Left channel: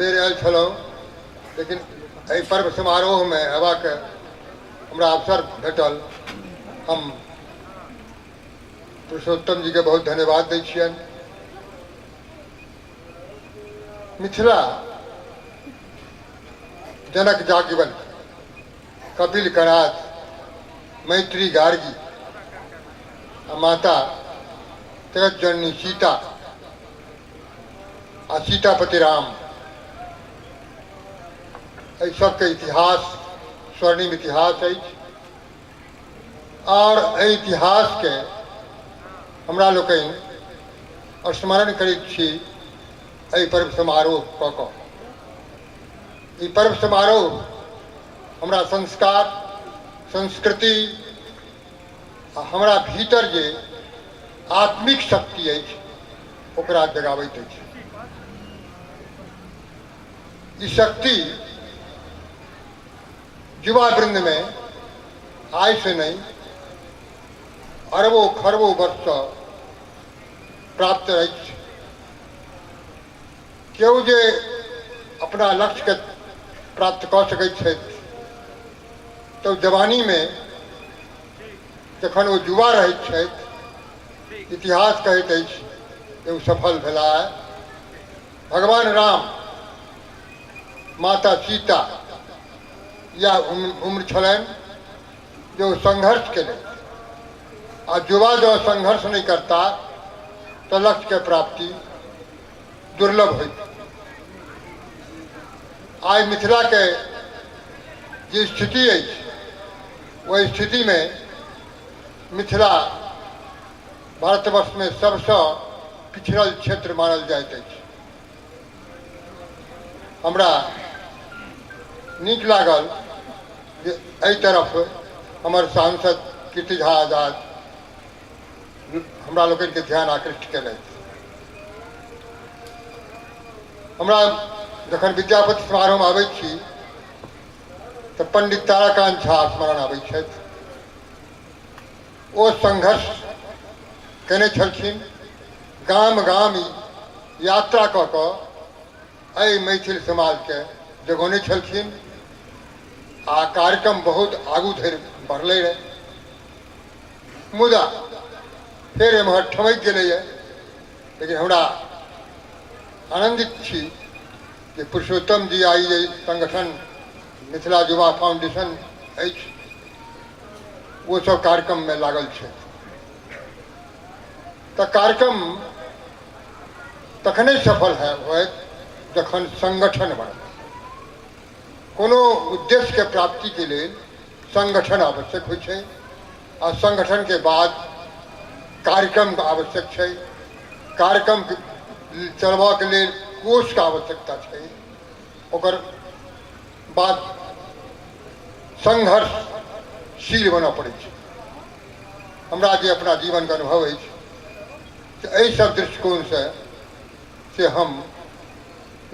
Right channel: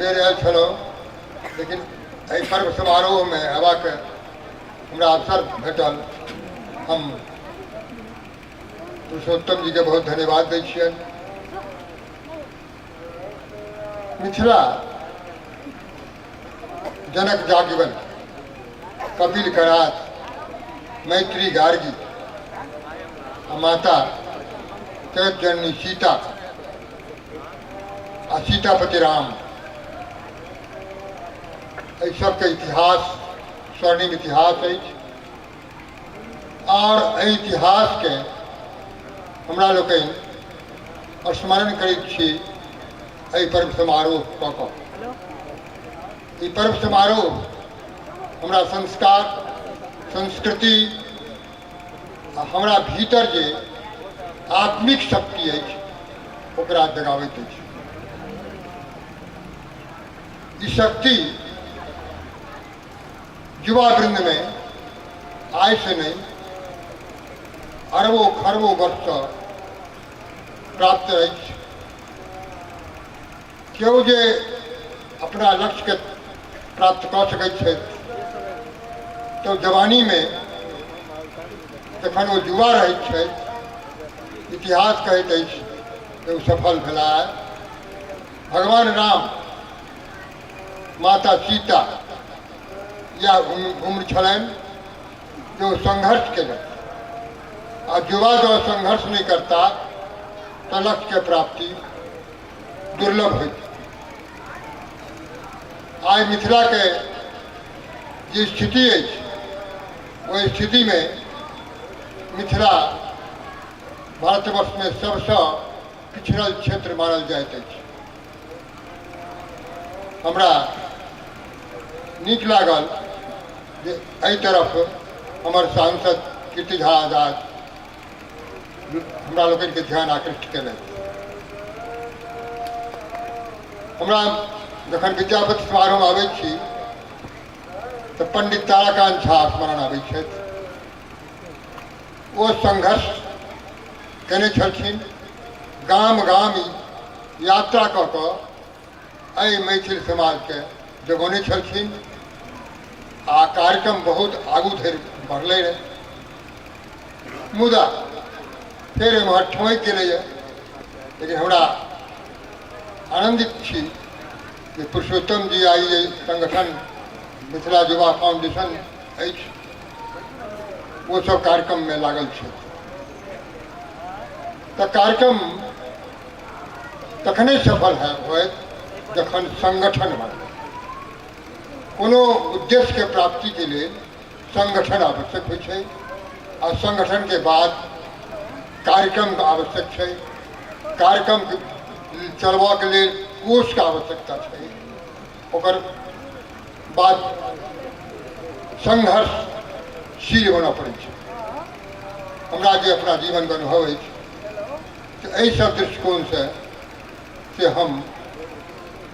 बेर आयल छलहुँ, लेकिन एहि पर्व समारोहमे अयबाक हमरा अवसर भेटल। हम पुरुषोत्तम जी के बहुत धन्यवाद दै छियनि। मिथिला जनक जागवल, कपिल करात, मैत्री गार्गी, माता जगत जननी सीता आ सीतापति राम, एहि सबके इतिहास स्वर्णिम इतिहास अछि। और एहि इतिहास के हमरा लोकनि स्मरण करैत छी एहि पर्व समारोह कऽ कऽ। ई पर्व समारोह हमरा संस्कार, संस्कृति आ हमरा भीतर जे आत्मिक शक्ति अछि ओकरा जगाबैत अछि। ई शक्ति युवा वृंद में आय से नहीं अरबों खरबों वर्ष से प्राप्त अछि। केओ जे अपना लक्ष्य के प्राप्त कऽ सकैत छथि तो जवानी में जखन ओ युवा रहैत छथि, इतिहास कहैत अछि जे ओ सफल भेलाह। भगवान राम, माता सीता या उम्र छलनि जो संघर्ष केलनि। आ युवा जो संघर्ष नहीं करता तो लक्ष्य के प्राप्ति दुर्लभ होती। आज मिथिला के जे स्थिति है वही स्थिति में मिथिला भारतवर्ष में सबसे पिछड़ल क्षेत्र मानल जाइत अछि। हमरा नीक लागल जे एहि तरफ हमर सांसद कीर्ति झा आजाद हमरा लोकनि के ध्यान आकृष्ट केलथि। हमरा जखन विद्यापति समारोह आबै छी तो पंडित ताराकांत झा स्मरण आबै छथि। ओ संघर्ष केने छलखिन, गाम गाम यात्रा कऽ कऽ एहि मैथिल समाज के जगौने छलखिन। आ कार्यक्रम बहुत आगू धरि बढ़ले रहे, मुदा फिर एम्हर ठमकि गेलैए। लेकिन हमरा आनंदित छी कि पुरुषोत्तम जी आई जे संगठन मिथिला युवा फाउंडेशन अछि वो सब कार्यक्रम में लागल छै। तो कार्यक्रम तखने सफल होयत जखन संगठन बने। कोनो उद्देश्य के प्राप्ति के लिए संगठन आवश्यक होइ छै आ संगठन के बाद कार्यक्रम का आवश्यक छै। कार्यक्रम चलबा के लिए कोष का आवश्यकता छै। ओकर बाद संघर्षशील बनना पड़ै छै। हमरा जे अपना जीवन के अनुभव अछि एहि सब दृष्टिकोण से हम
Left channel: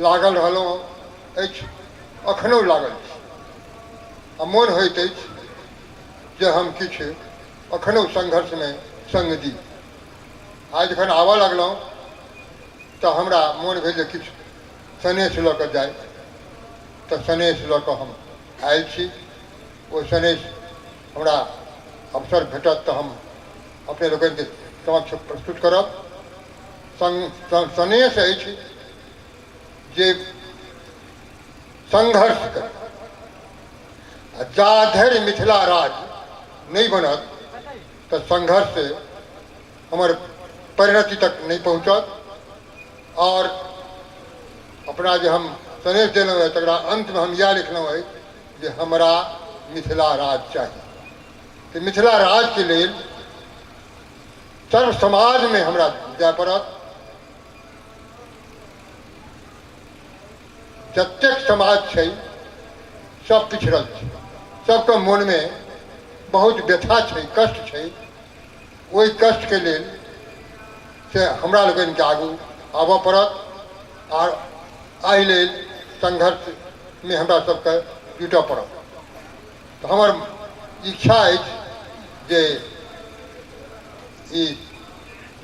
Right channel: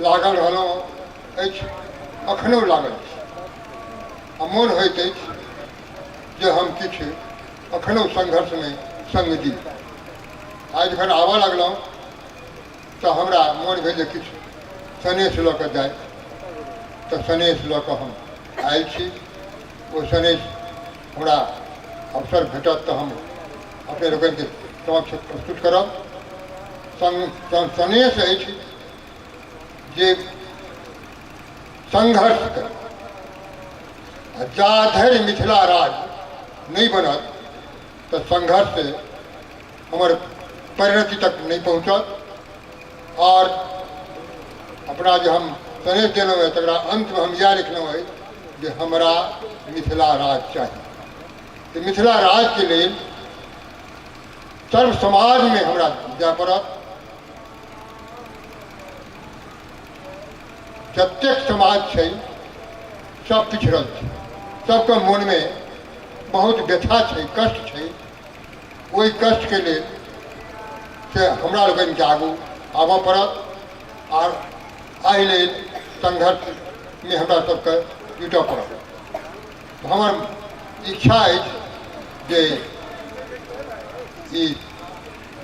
लागल रहलहुँ अछि, अखनो लागल छी। आ मोन होइत अछि जे हम किछु अखनो संघर्ष में संग दी। आज जखन आबऽ लगलहुँ तो हमरा मोन भेल जे किछु सनेश लऽ कऽ जाय, तो सनेश लऽ कऽ हम आयल छी। वो सनेश हमरा अवसर भेटत तो हम अपने लोकनि के समक्ष प्रस्तुत करब। सनेश अछि जे संघर्ष कर जा धरि मिथिला राज नहीं बनत तो संघर्ष से हमार परिणति तक नहीं पहुँचत। और अपना जो हम सनेश देलहुँ है तकरा अंत में हम यह लिखलहुँ है जे हमरा मिथिला राज चाहिए। तो मिथिला राज के लिए सर्व समाज में हमरा जाय पड़त। जतेक समाज छै सब पिछड़ल छै, सबके मन में बहुत व्यथा छै, कष्ट छै। ओहि कष्ट के लेल से हमरा लोगन के आगू आबऽ पड़त और एहि लेल संघर्ष में हमरा सबके जुटऽ पड़त। तो हमर इच्छा अछि जे ई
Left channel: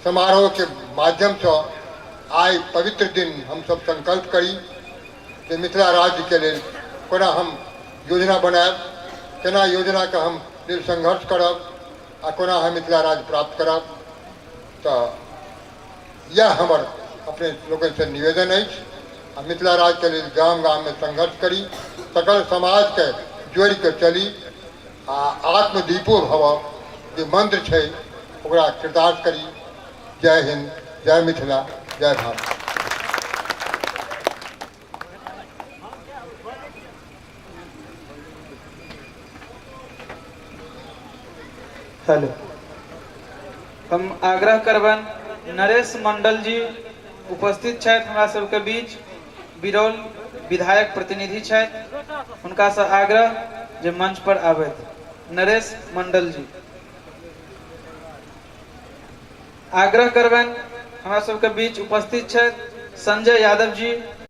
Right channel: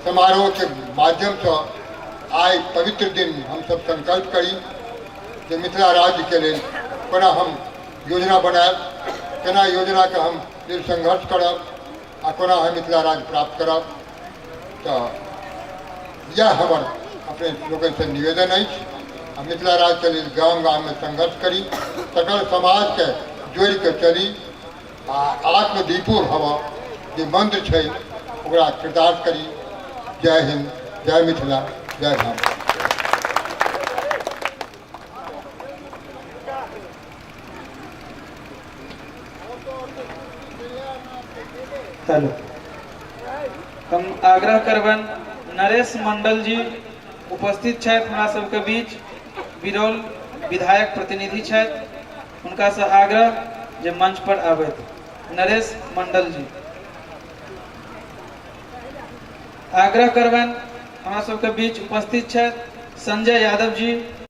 समारोह के माध्यम से आइ पवित्र दिन हम सब संकल्प करी जे मिथिला राज्य के लेल कोना हम योजना बनाएब, केना योजना के हम लेल संघर्ष करब आ कोना हम मिथिला राज्य प्राप्त करब। तो यह हमर अपने लोगन से निवेदन है। मिथिला राज्य के लिए गाम गाम में संघर्ष करी, सकल समाज के जोड़ के चली आ आत्मदीपो भव जो मंत्र है ओकरा कृतार्थ करी। जय हिंद, जय मिथिला, जय भारत। हेलो, हम आग्रह करबन नरेश मंडल जी उपस्थित छथि हमरा सबके बीच, बिरौल विधायक प्रतिनिधि छथि, हुनका से आग्रह जे मंच पर आबैत। नरेश मंडल जी आग्रह करबन हमरा सबके बीच उपस्थित छथि। संजय यादव जी